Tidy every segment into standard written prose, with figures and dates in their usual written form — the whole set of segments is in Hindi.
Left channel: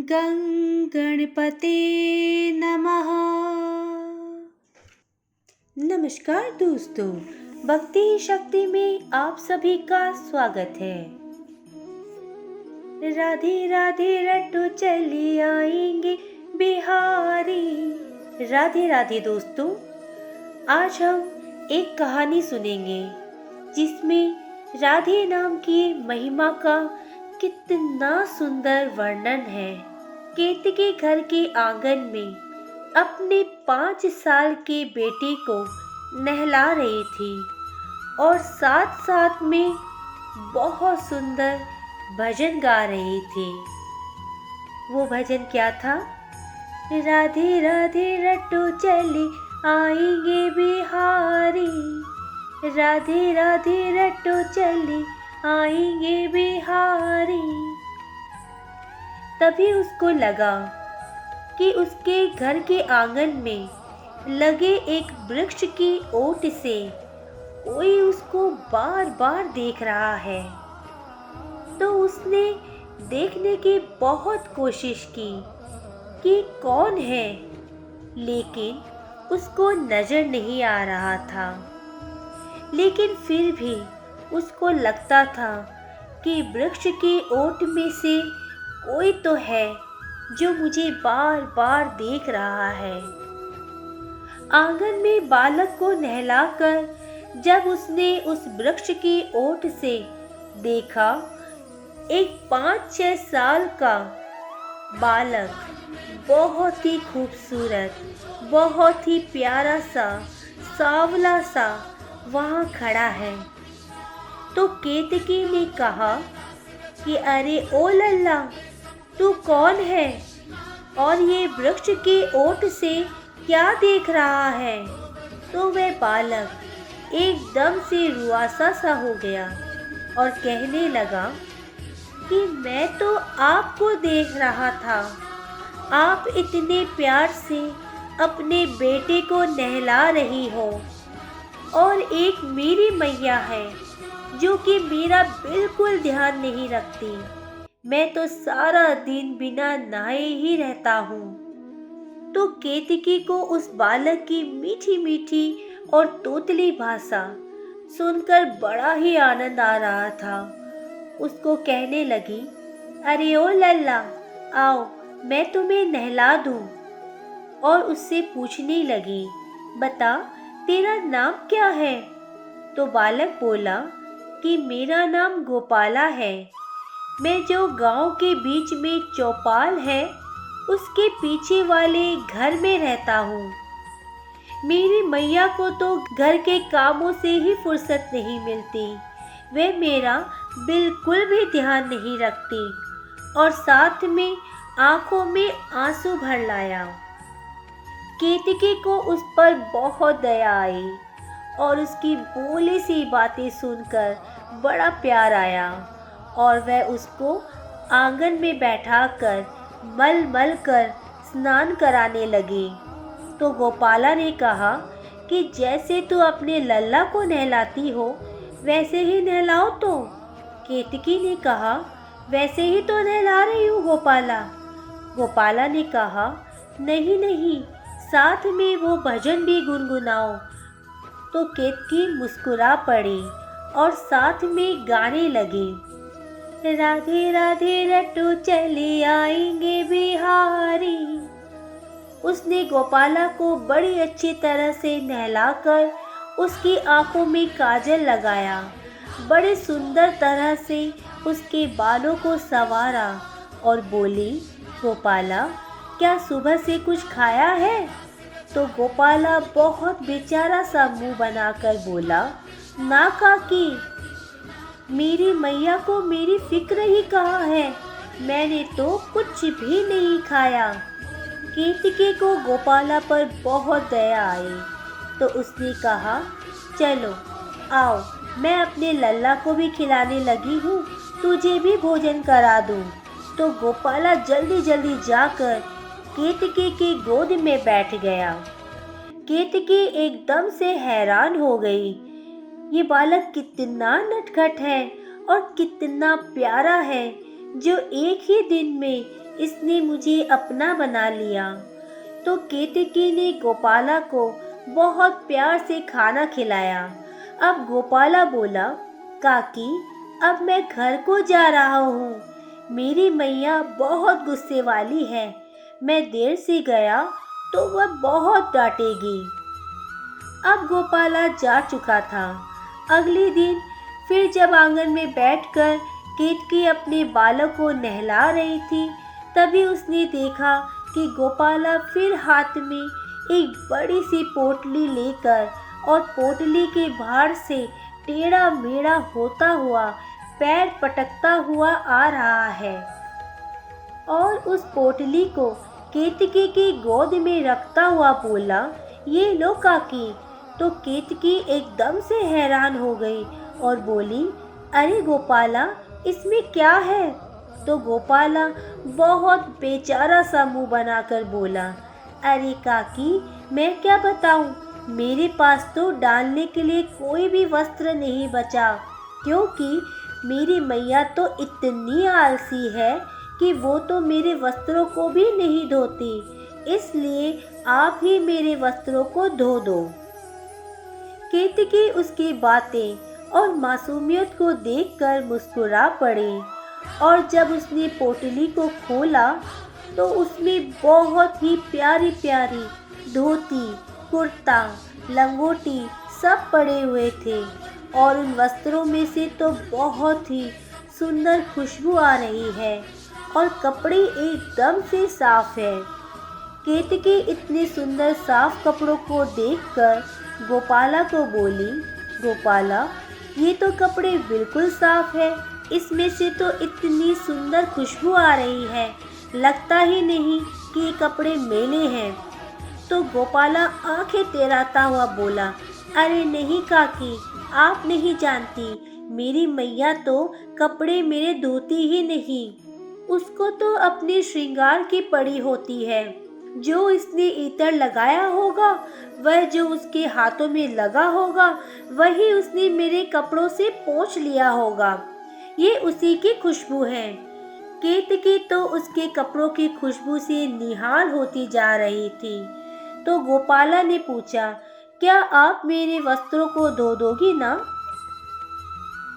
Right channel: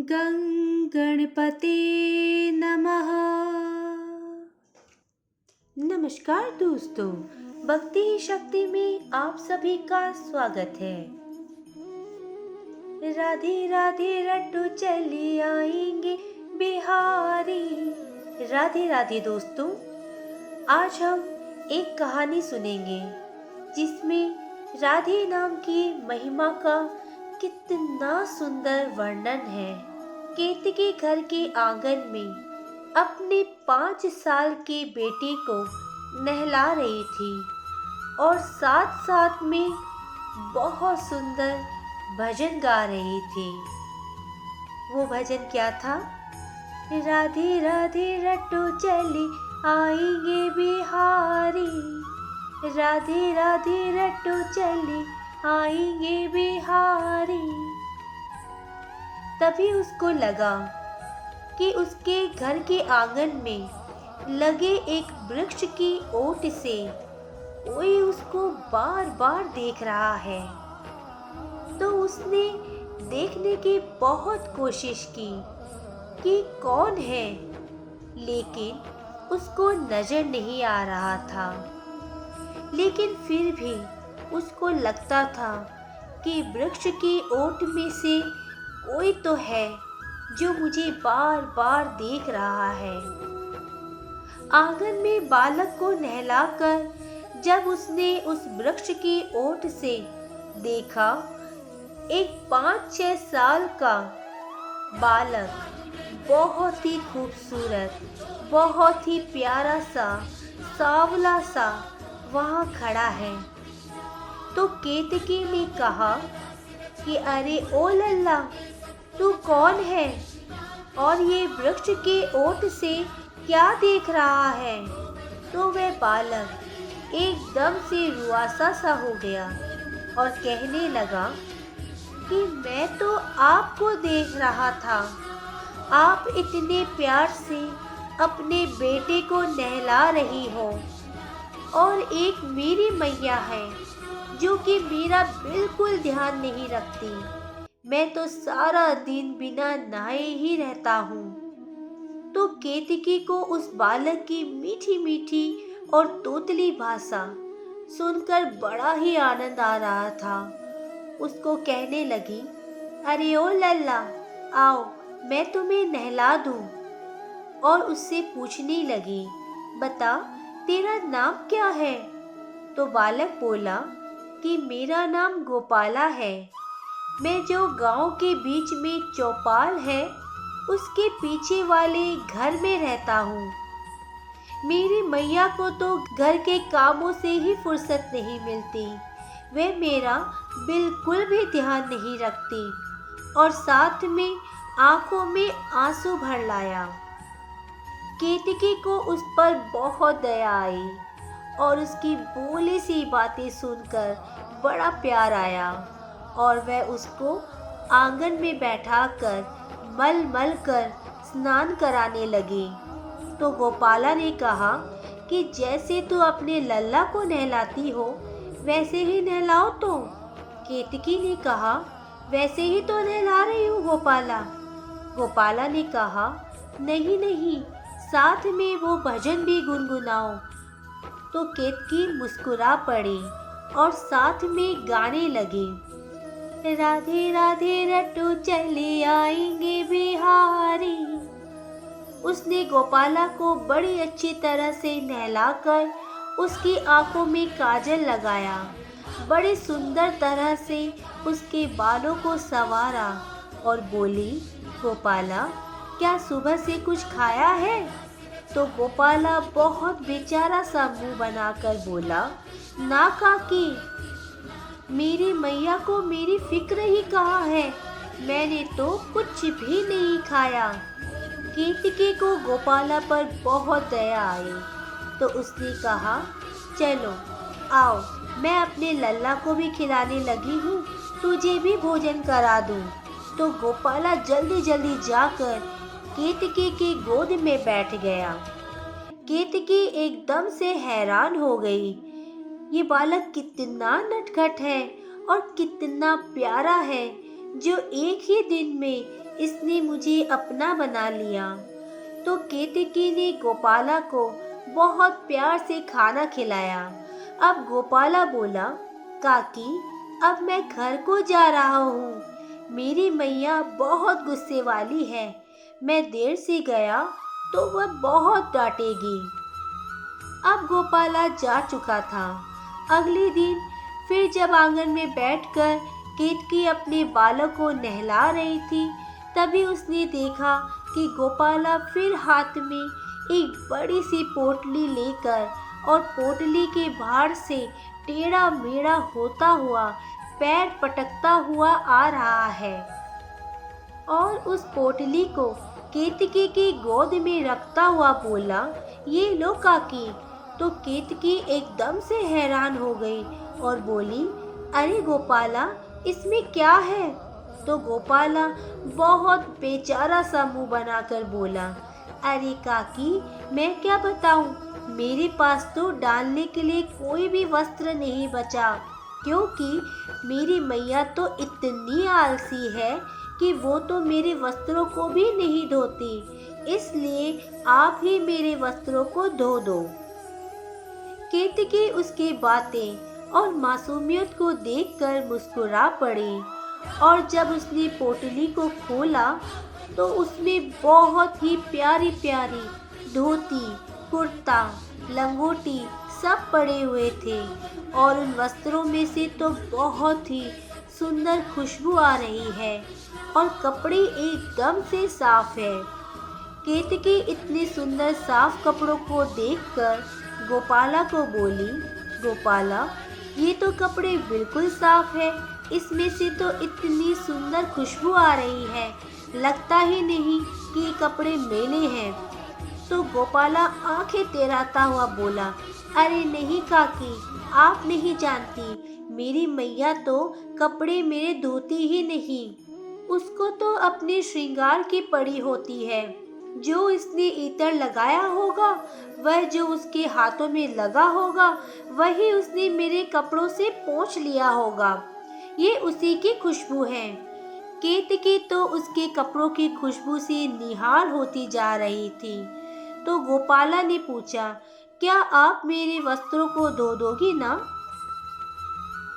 गं गणपते नमः। नमस्कार दोस्तों, भक्ति शक्ति में आप सभी का स्वागत है। राधे राधे रट्टू चली आएंगे बिहारी। राधे राधे दोस्तों, आज हम एक कहानी सुनेंगे जिसमें राधे नाम की महिमा का कितना सुंदर वर्णन है। केतकी घर के आंगन में अपने 5 साल के बेटे को नहला रही थी और साथ साथ में बहुत सुंदर भजन गा रही थी। वो भजन क्या था? राधे राधे रट्टू चली आएंगे बिहारी, राधे राधे रट्टू चली आएंगे बिहारी। तभी उसको लगा कि उसके घर के आंगन में लगे एक वृक्ष की ओट से कोई उसको बार बार देख रहा है। तो उसने देखने की बहुत कोशिश की कि कौन है, लेकिन उसको नजर नहीं आ रहा था। लेकिन फिर भी उसको लगता था कि वृक्ष की ओट में से कोई तो है जो मुझे बार बार देख रहा है। आंगन में बालक को नहलाकर जब उसने उस वृक्ष की ओट से देखा, एक 5-6 साल का बालक बहुत ही खूबसूरत, बहुत ही प्यारा सा, सांवला सा वहाँ खड़ा है। तो केतकी ने कहा कि अरे ओ लल्ला, तू कौन है और ये वृक्ष की ओट से क्या देख रहा है? तो वह बालक एकदम से रुआसा सा हो गया और कहने लगा कि मैं तो आपको देख रहा था। आप इतने प्यार से अपने बेटे को नहला रही हो और एक मेरी मैया है जो कि मेरा बिल्कुल ध्यान नहीं रखती। मैं तो सारा दिन बिना नहाए ही रहता हूँ। तो केतकी को उस बालक की मीठी मीठी और तोतली भाषा सुनकर बड़ा ही आनंद आ रहा था। उसको कहने लगी, अरे ओ लल्ला, आओ मैं तुम्हें नहला दूं। और उससे पूछने लगी, बता तेरा नाम क्या है? तो बालक बोला कि मेरा नाम गोपाला है। मैं जो गांव के बीच में चौपाल है उसके पीछे वाले घर में रहता हूँ। मेरी मैया को तो घर के कामों से ही फुर्सत नहीं मिलती। वे मेरा बिल्कुल भी ध्यान नहीं रखती और साथ में आंखों में आंसू भर लाया। केतकी को उस पर बहुत दया आई और उसकी भोली सी बातें सुनकर बड़ा प्यार आया और वह उसको आंगन में बैठाकर मल मल कर स्नान कराने लगी। तो गोपाला ने कहा कि जैसे तू अपने लल्ला को नहलाती हो वैसे ही नहलाओ। तो केतकी ने कहा, वैसे ही तो नहला रही हूँ गोपाला। गोपाला ने कहा, नहीं नहीं, साथ में वो भजन भी गुनगुनाओ। तो केतकी मुस्कुरा पड़ी और साथ में गाने लगी, राधे राधे रट्टू चले आएंगे बिहारी। उसने गोपाला को बड़ी अच्छी तरह से नहलाकर उसकी आंखों में काजल लगाया, बड़े सुंदर तरह से उसके बालों को संवारा और बोली, गोपाला क्या सुबह से कुछ खाया है? तो गोपाला बहुत बेचारा सा मुंह बनाकर बोला, ना काकी, मेरी मैया को मेरी फिक्र ही कहाँ है, मैंने तो कुछ भी नहीं खाया। केतकी को गोपाला पर बहुत दया आई तो उसने कहा, चलो आओ मैं अपने लल्ला को भी खिलाने लगी हूँ, तुझे भी भोजन करा दूँ। तो गोपाला जल्दी जल्दी जाकर केतकी की गोद में बैठ गया। केतकी एकदम से हैरान हो गई, ये बालक कितना नटखट है और कितना प्यारा है जो एक ही दिन में इसने मुझे अपना बना लिया। तो केतकी ने गोपाला को बहुत प्यार से खाना खिलाया। अब गोपाला बोला, काकी, अब मैं घर को जा रहा हूँ। मेरी मैया बहुत गुस्से वाली है। मैं देर से गया तो वह बहुत डांटेगी। अब गोपाला जा चुका था। अगले दिन फिर जब आंगन में बैठकर केतकी अपने बालक को नहला रही थी, तभी उसने देखा कि गोपाला फिर हाथ में एक बड़ी सी पोटली लेकर और पोटली के बाहर से टेढ़ा मेढ़ा होता हुआ पैर पटकता हुआ आ रहा है और उस पोटली को केतकी की गोद में रखता हुआ बोला, ये लो काकी। तो केतकी एकदम से हैरान हो गई और बोली, अरे गोपाला, इसमें क्या है? तो गोपाला बहुत बेचारा सा मुंह बनाकर बोला, अरे काकी, मैं क्या बताऊं, मेरे पास तो डालने के लिए कोई भी वस्त्र नहीं बचा, क्योंकि मेरी मैया तो इतनी आलसी है कि वो तो मेरे वस्त्रों को भी नहीं धोती, इसलिए आप ही मेरे वस्त्रों को धो दो। केतकी उसकी बातें और मासूमियत को देखकर मुस्कुरा पड़ी और जब उसने पोटली को खोला तो उसमें बहुत ही प्यारी प्यारी धोती, कुर्ता, लंगोटी सब पड़े हुए थे और उन वस्त्रों में से तो बहुत ही सुंदर खुशबू आ रही है और कपड़े एकदम से साफ है। केतकी इतने सुंदर साफ कपड़ों को देखकर गोपाला को बोली, गोपाला, ये तो कपड़े बिल्कुल साफ है, इसमें से तो इतनी सुंदर खुशबू आ रही है, लगता ही नहीं कि ये कपड़े मेले हैं। तो गोपाला आंखें टेढ़ाता हुआ बोला, अरे नहीं काकी, आप नहीं जानती, मेरी मैया तो कपड़े मेरे धोती ही नहीं, उसको तो अपने श्रृंगार की पड़ी होती है। जो इसने इत्र लगाया होगा, वह जो उसके हाथों में लगा होगा, वही उसने मेरे कपड़ों से पोंछ लिया होगा, ये उसी की खुशबू है। केतकी तो उसके कपड़ों की खुशबू से निहाल होती जा रही थी। तो गोपाला ने पूछा, क्या आप मेरे वस्त्रों को धो दोगी ना?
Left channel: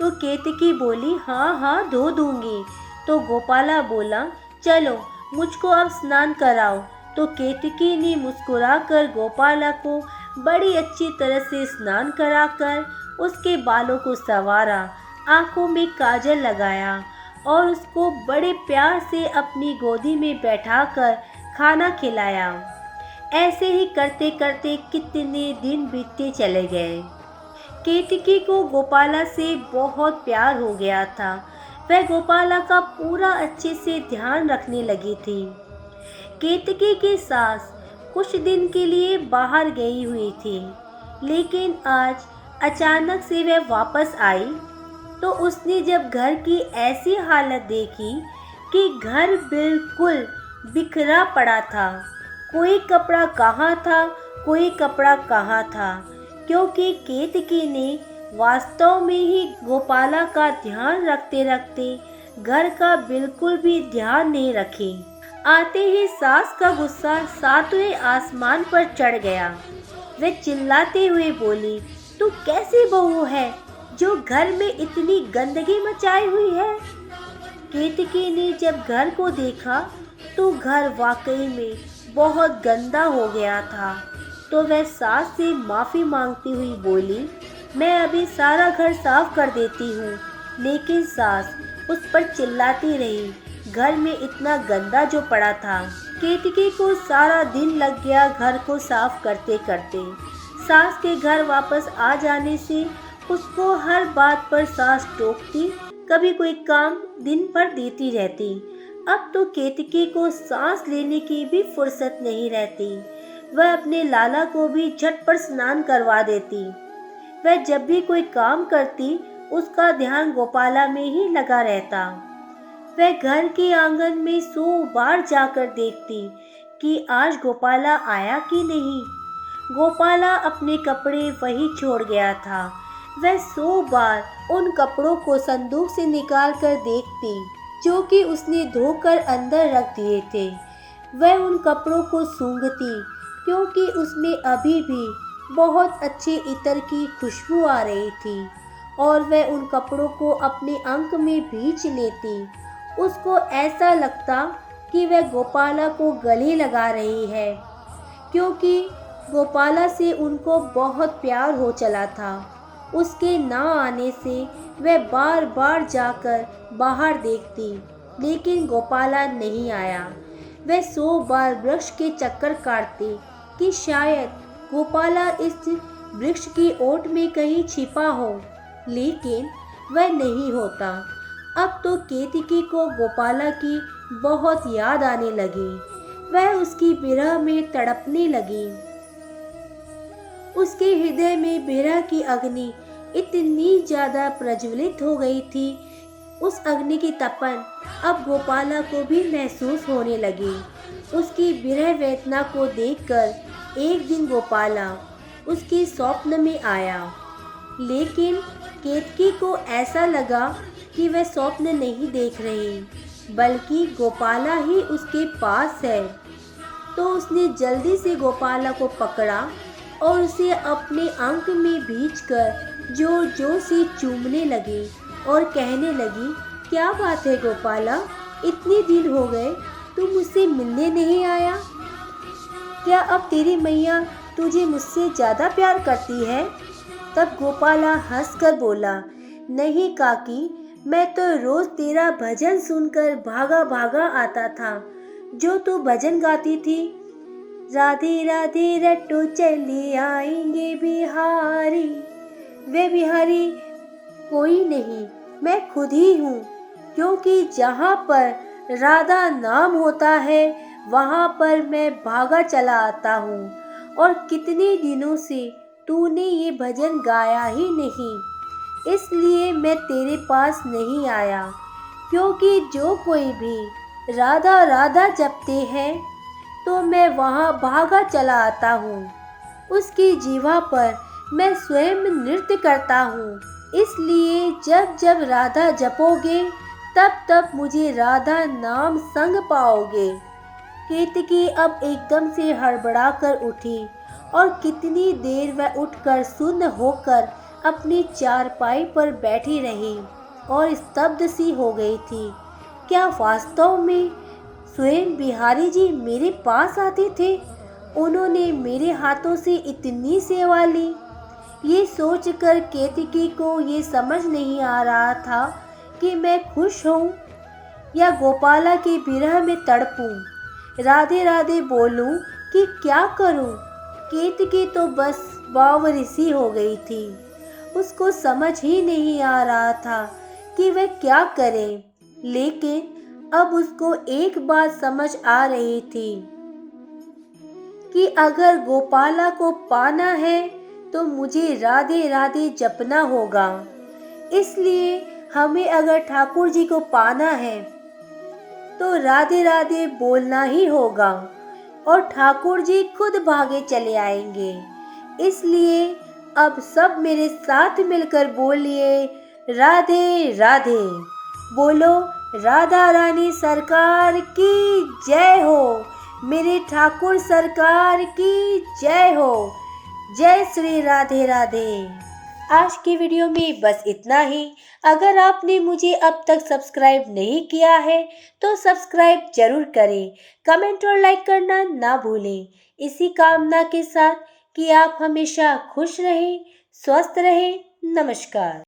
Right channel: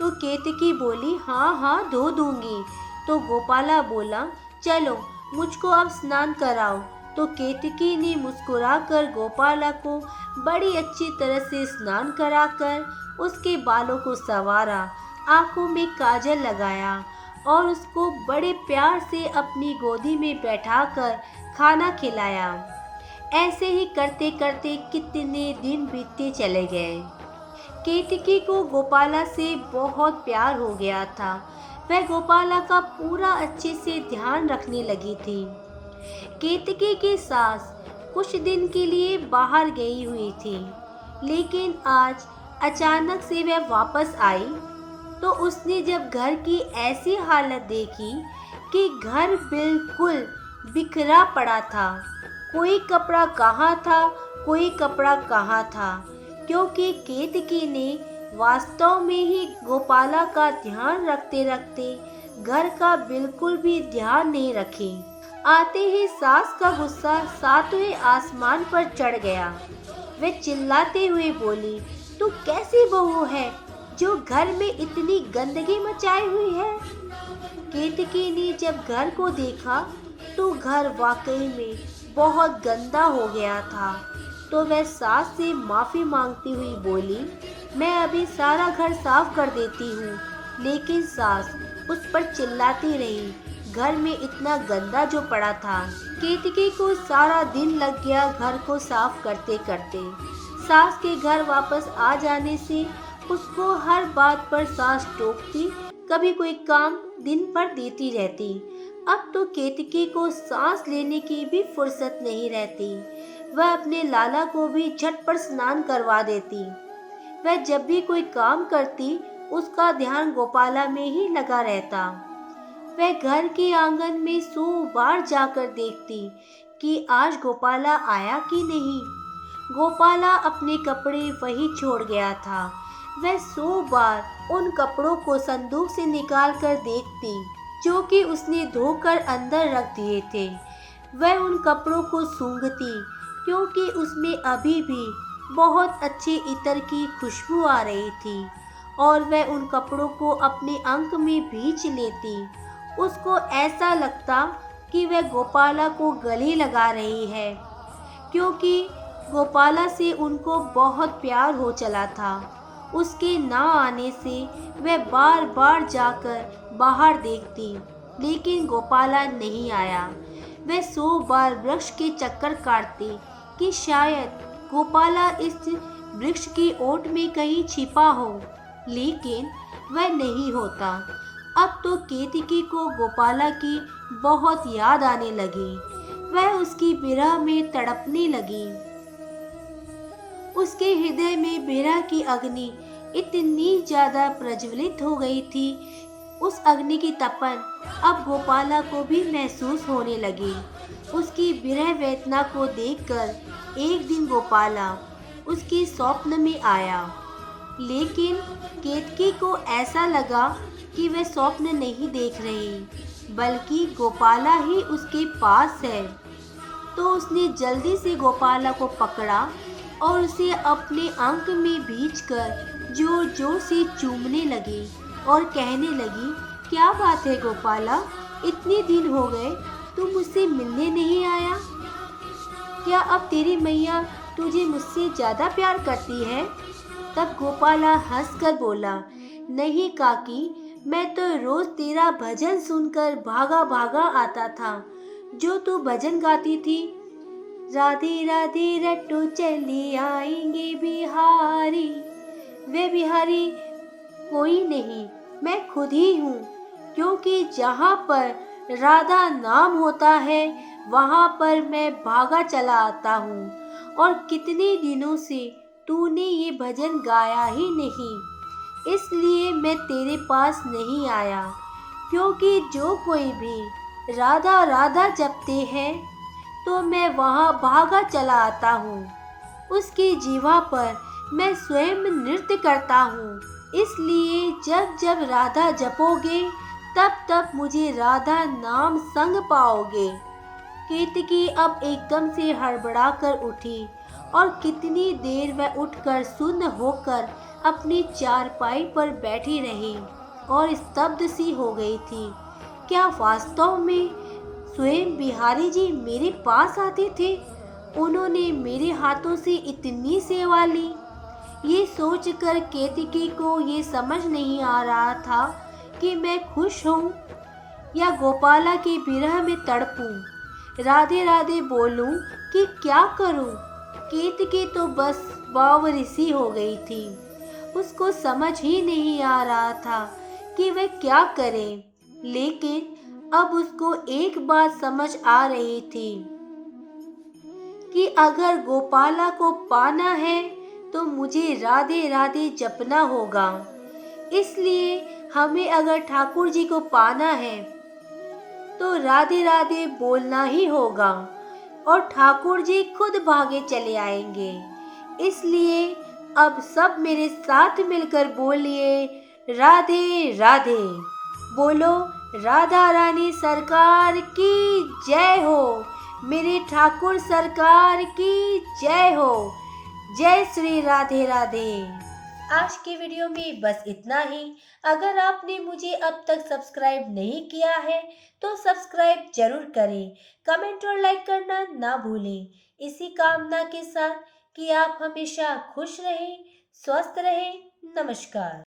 तो केतकी बोली, हाँ हाँ, धो दूंगी। तो गोपाला बोला, चलो मुझको अब स्नान कराओ। तो केतकी ने मुस्कुराकर गोपाला को बड़ी अच्छी तरह से स्नान कराकर उसके बालों को संवारा, आंखों में काजल लगाया और उसको बड़े प्यार से अपनी गोदी में बैठाकर खाना खिलाया। ऐसे ही करते करते कितने दिन बीतते चले गए। केतकी को गोपाला से बहुत प्यार हो गया था। वह गोपाला का पूरा अच्छे से ध्यान रखने लगी थी। केतकी की सास कुछ दिन के लिए बाहर गई हुई थी, लेकिन आज अचानक से वह वापस आई तो उसने जब घर की ऐसी हालत देखी कि घर बिल्कुल बिखरा पड़ा था, कोई कपड़ा कहाँ था, कोई कपड़ा कहाँ था, क्योंकि केतकी ने वास्तव में ही गोपाला का ध्यान रखते रखते घर का बिल्कुल भी ध्यान नहीं रखी। आते ही सास का गुस्सा सातवें आसमान पर चढ़ गया। वे चिल्लाते हुए बोली, तू कैसी बहू है जो घर में इतनी गंदगी मचाई हुई है? केतकी ने जब घर को देखा तो घर वाकई में बहुत गंदा हो गया था। तो वह सास से माफ़ी मांगती हुई बोली, मैं अभी सारा घर साफ कर देती हूँ। लेकिन सास उस पर चिल्लाती रही, घर में इतना गंदा जो पड़ा था। केतकी को सारा दिन लग गया घर को साफ करते करते। सास के घर वापस आ जाने से उसको हर बात पर सास टोकती, कभी कोई काम दिन भर देती रहती। अब तो केतकी को सांस लेने की भी फुर्सत नहीं रहती। वह अपने लाला को भी झटपट स्नान करवा देती। वह जब भी कोई काम करती उसका ध्यान गोपाला में ही लगा रहता। वह घर के आंगन में 100 बार जाकर देखती कि आज गोपाला आया कि नहीं। गोपाला अपने कपड़े वहीं छोड़ गया था। वह 100 बार उन कपड़ों को संदूक से निकाल कर देखती। जो कि उसने धोकर अंदर रख दिए थे। वह उन कपड़ों को सूंघती क्योंकि उसमें अभी भी बहुत अच्छे इत्र की खुशबू आ रही थी और वह उन कपड़ों को अपने अंक में भींच लेती। उसको ऐसा लगता कि वह गोपाला को गले लगा रही है क्योंकि गोपाला से उनको बहुत प्यार हो चला था। उसके ना आने से वह बार बार जाकर बाहर देखती, लेकिन गोपाला नहीं आया। वह 100 बार वृक्ष के चक्कर काटती कि शायद गोपाला इस वृक्ष की ओट में कहीं छिपा हो, लेकिन वह नहीं होता। अब तो केतकी को गोपाला की बहुत याद आने लगी। वह उसकी विरह में तड़पने लगी। उसके हृदय में विरह की अग्नि इतनी ज्यादा प्रज्वलित हो गई थी। उस अग्नि की तपन अब गोपाला को भी महसूस होने लगी। उसकी विरह वेदना को देखकर एक दिन गोपाला उसके स्वप्न में आया, लेकिन केतकी को ऐसा लगा कि वह स्वप्न नहीं देख रही, बल्कि गोपाला ही उसके पास है। तो उसने जल्दी से गोपाला को पकड़ा और उसे अपने अंक में भींचकर जोर जोर से चूमने लगी और कहने लगी, क्या बात है गोपाला, इतने दिन हो गए तू मुझसे मिलने नहीं आया? क्या अब तेरी मैया तुझे मुझसे ज़्यादा प्यार करती है? तब गोपाला हंसकर बोला, नहीं काकी, मैं तो रोज तेरा भजन सुनकर भागा भागा आता था। जो तू भजन गाती थी, राधे राधे रट्टू चली आएंगे बिहारी, वे बिहारी कोई नहीं, मैं खुद ही हूँ। क्योंकि जहाँ पर राधा नाम होता है वहाँ पर मैं भागा चला आता हूँ। और कितने दिनों से तूने ये भजन गाया ही नहीं, इसलिए मैं तेरे पास नहीं आया। क्योंकि जो कोई भी राधा राधा जपते हैं तो मैं वहाँ भागा चला आता हूँ। उसकी जीवा पर मैं स्वयं नृत्य करता हूँ। इसलिए जब जब राधा जपोगे तब तब मुझे राधा नाम संग पाओगे। केतकी अब एकदम से हड़बड़ा कर उठी और कितनी देर वह उठकर सुन्न होकर अपनी चारपाई पर बैठी रही और स्तब्ध सी हो गई थी। क्या वास्तव में स्वयं बिहारी जी मेरे पास आते थे? उन्होंने मेरे हाथों से इतनी सेवा ली। ये सोचकर केतकी को ये समझ नहीं आ रहा था कि मैं खुश हूँ या गोपाला के विरह में तड़पूं, राधे राधे बोलूं कि क्या करूं। केतकी तो बस बावरिसी हो गई थी। उसको समझ ही नहीं आ रहा था कि वह क्या करे, लेकिन अब उसको एक बात समझ आ रही थी कि अगर गोपाला को पाना है तो मुझे राधे राधे जपना होगा। इसलिए हमें अगर ठाकुर जी को पाना है तो राधे राधे बोलना ही होगा और ठाकुर जी खुद भागे चले आएंगे। इसलिए अब सब मेरे साथ मिलकर बोलिए, राधे राधे। बोलो, राधा रानी सरकार की जय हो, मेरे ठाकुर सरकार की जय हो। जय श्री राधे राधे। आज की वीडियो में बस इतना ही। अगर आपने मुझे अब तक सब्सक्राइब नहीं किया है तो सब्सक्राइब जरूर करें, कमेंट और लाइक करना ना भूलें। इसी कामना के साथ कि आप हमेशा खुश रहें, स्वस्थ रहें। नमस्कार।